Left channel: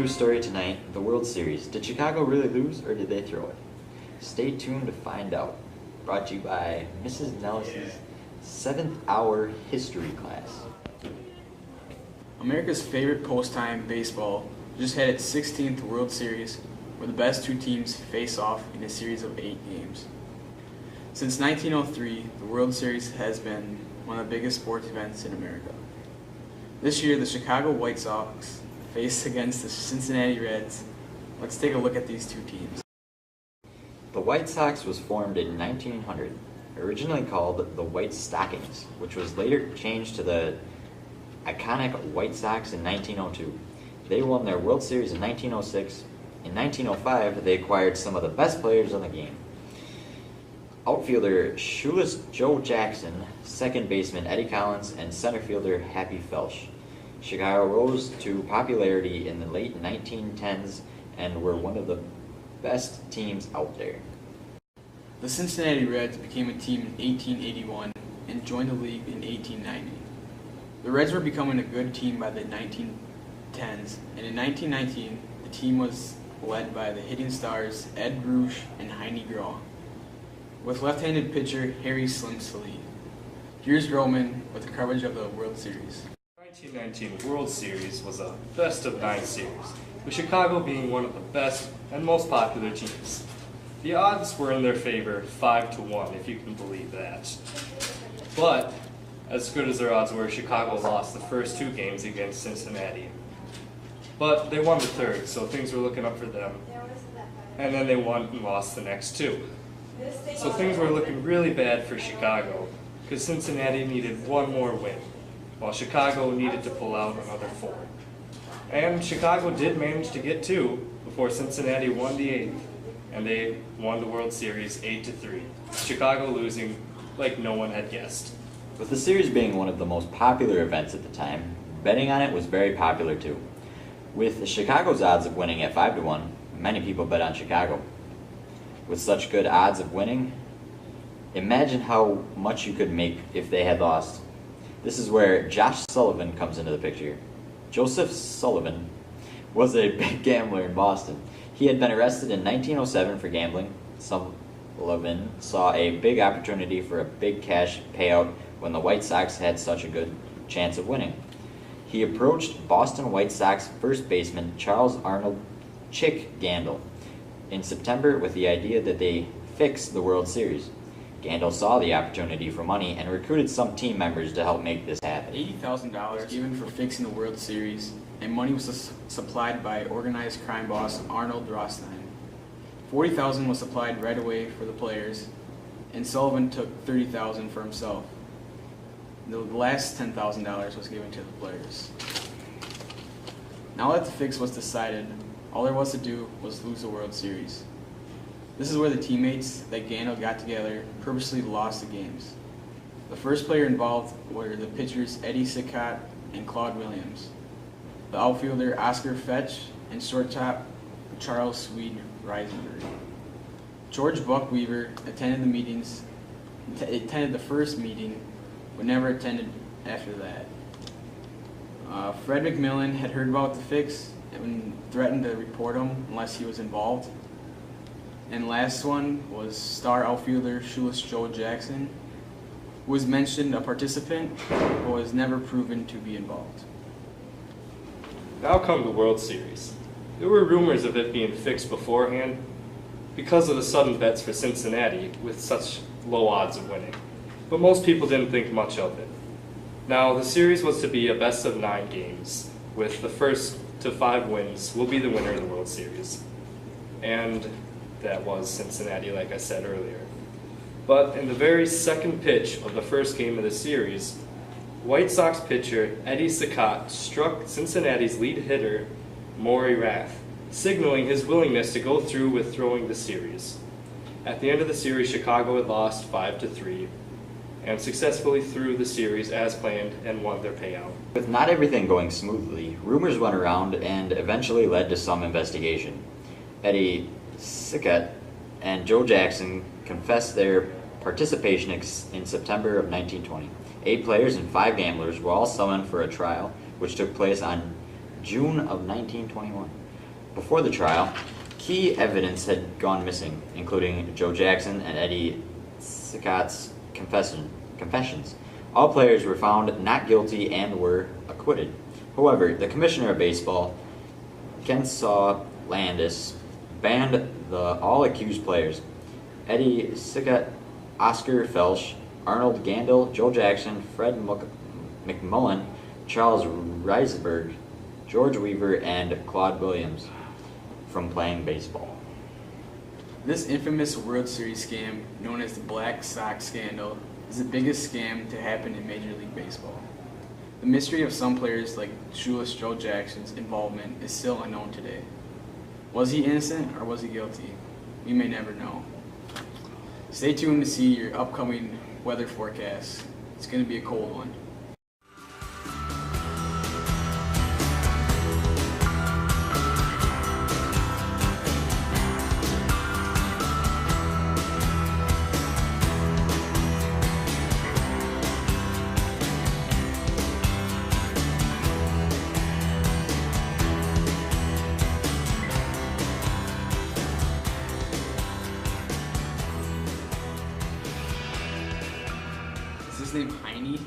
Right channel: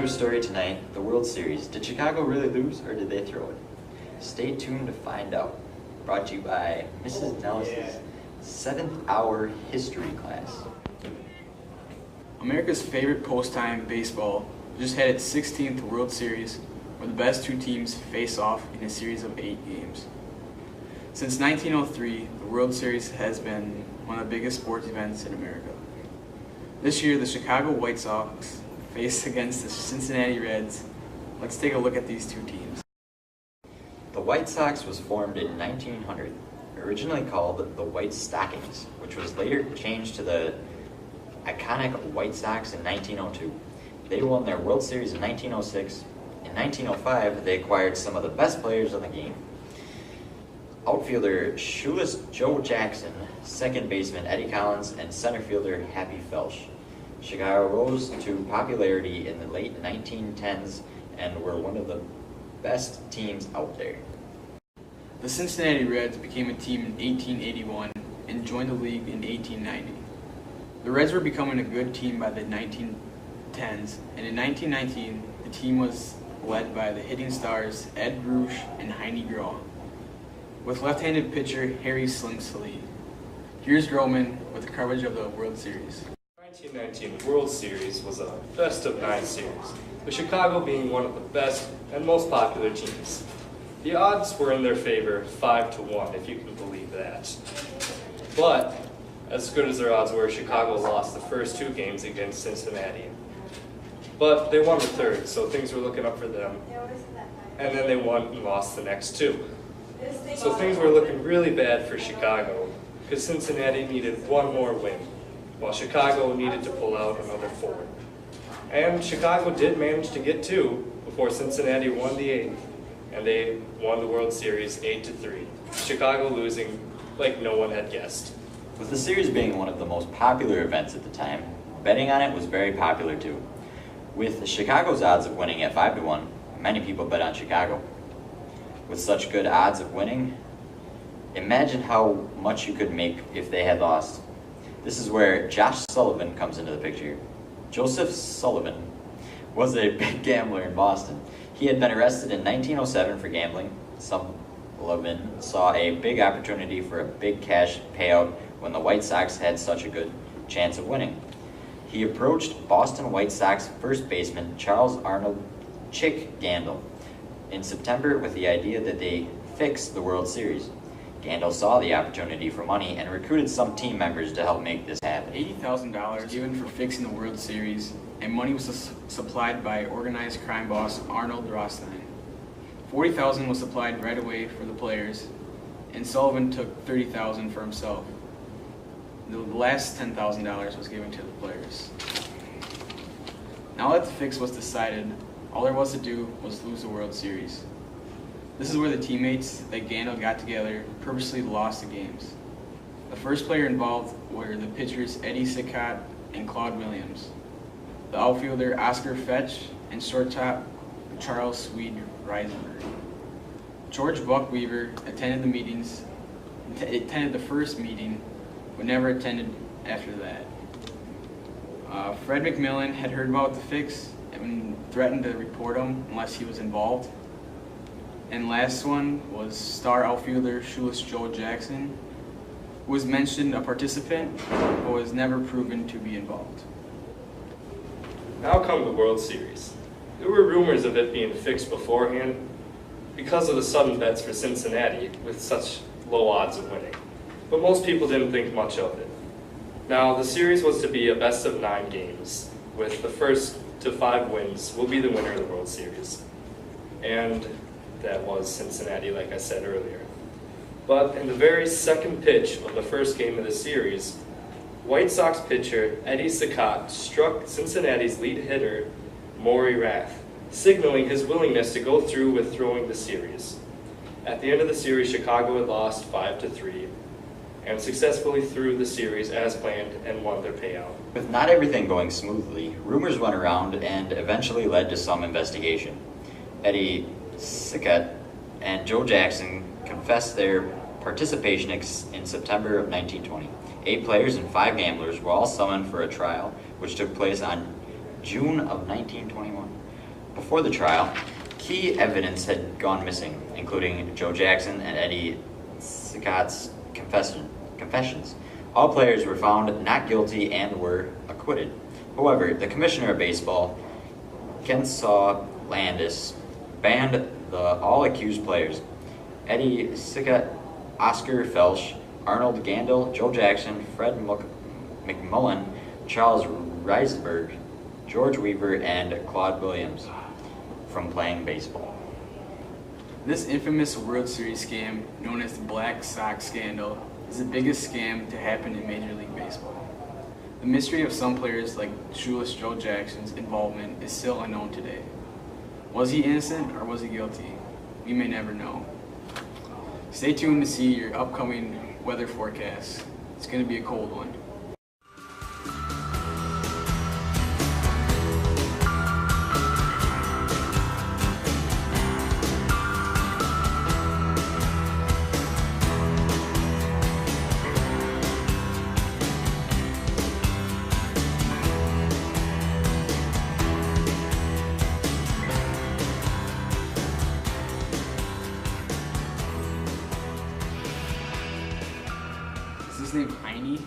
news story tonight, the World Series. Did Chicago really lose or did they throw it? Stay tuned to find out. Brought to you by Mrs. Nellis's 7th hour history class. America's favorite post-time baseball just had its 16th World Series, where the best two teams face off in a series of 8 games. Since 1903, the World Series has been one of the biggest sports events in America. This year, the Chicago White Sox faced against the Cincinnati Reds. Let's take a look at these two teams. The White Sox was formed in 1900, originally called the White Stockings, which was later changed to the iconic White Sox in 1902. They won their World Series in 1906. In 1905, they acquired some of the best players in the game. Outfielder shoeless Joe Jackson, second baseman Eddie Collins, and center fielder Happy Felsch. Chicago rose to popularity in the late 1910s and were one of the best teams out there. The Cincinnati Reds became a team in 1881 and joined the league in 1890. The Reds were becoming a good team by the 1910s, and in 1919, the team was led by the hitting stars Ed Rush and Heine Groh, with left-handed pitcher Harry Slim Sallee. Here's Roman with the coverage of the World Series. The 1919 World Series was a best-of-9 series, with Chicago being one of the best and most popular teams. The odds were in their favor 5-1, if you can believe that. But, as good as their odds were, Chicago lost the first 2 games against Cincinnati. But they won the third, so things were looking up for them. And then they won and lost the next 2. So things were looking really bad for Chicago, because Cincinnati needed 1 more win, while Chicago needed to pull out another 4. And Chicago did manage to get 2 before Cincinnati won the 8th, and they won the World Series 8-3. Chicago losing like no one had guessed. With the series being one of the most popular events at the time, betting on it was very popular too. With Chicago's odds of winning at 5-1, many people bet on Chicago. With such good odds of winning, imagine how much you could make if they had lost. This is where Josh Sullivan comes into the picture. Joseph Sullivan was a big gambler in Boston. He had been arrested in 1907 for gambling. Sullivan saw a big opportunity for a big cash payout when the White Sox had such a good chance of winning. He approached Boston White Sox first baseman Charles Arnold "Chick" Scandal in September with the idea that they fix the World Series. Scandal saw the opportunity for money and recruited some team members to help make this happen. $80,000 given for fixing the World Series, and money was supplied by organized crime boss Arnold Rothstein. $40,000 was supplied right away for the players, and Sullivan took $30,000 for himself. The last $10,000 was given to the players. Now that the fix was decided, all there was to do was lose the World Series. This is where the teammates that Scandal got together purposely lost the games. The first player involved were the pitchers Eddie Sickott and Claude Williams, the outfielder Oscar Fetch, and shortstop Charles Swede Reisenberg. George Buck Weaver attended the first meeting, but never attended after that. Fred McMillan had heard about the fix and threatened to report him unless he was involved. And last one was star outfielder shoeless Joe Jackson, who was mentioned a participant but was never proven to be involved. Now come the World Series. There were rumors of it being fixed beforehand because of the sudden bets for Cincinnati with such low odds of winning, but most people didn't think much of it. Now, the series was to be a best-of-9 games, with the first to 5 wins will be the winner of the World Series. And that was Cincinnati, like I said earlier. But in the very second pitch of the first game of the series, White Sox pitcher Eddie Sickott struck Cincinnati's lead hitter, Maury Rath, signaling his willingness to go through with throwing the series. At the end of the series, Chicago had lost 5-3 and successfully threw the series as planned and won their payout. With not everything going smoothly, rumors went around and eventually led to some investigation. Eddie Sickott and Joe Jackson confessed their participation in September of 1920. 8 players and 5 gamblers were all summoned for a trial, which took place on June of 1921. Before the trial, key evidence had gone missing, including Joe Jackson and Eddie Scott's confessions. All players were found not guilty and were acquitted. However, the commissioner of baseball, Kensaw Landis, banned all accused players. Eddie Sickott, Oscar Felsch, Arnold Gandil, Joe Jackson, Fred McMullen, Charles Reisberg, George Weaver, and Claude Williams from playing baseball. This infamous World Series scam, known as the Blacksox Scandal, is the biggest scam to happen in Major League Baseball. The mystery of some players like shoeless Joe Jackson's involvement is still unknown today. Was he innocent or was he guilty? We may never know. Stay tuned to see your upcoming weather forecast. It's going to be a cold one. Is his name Heine?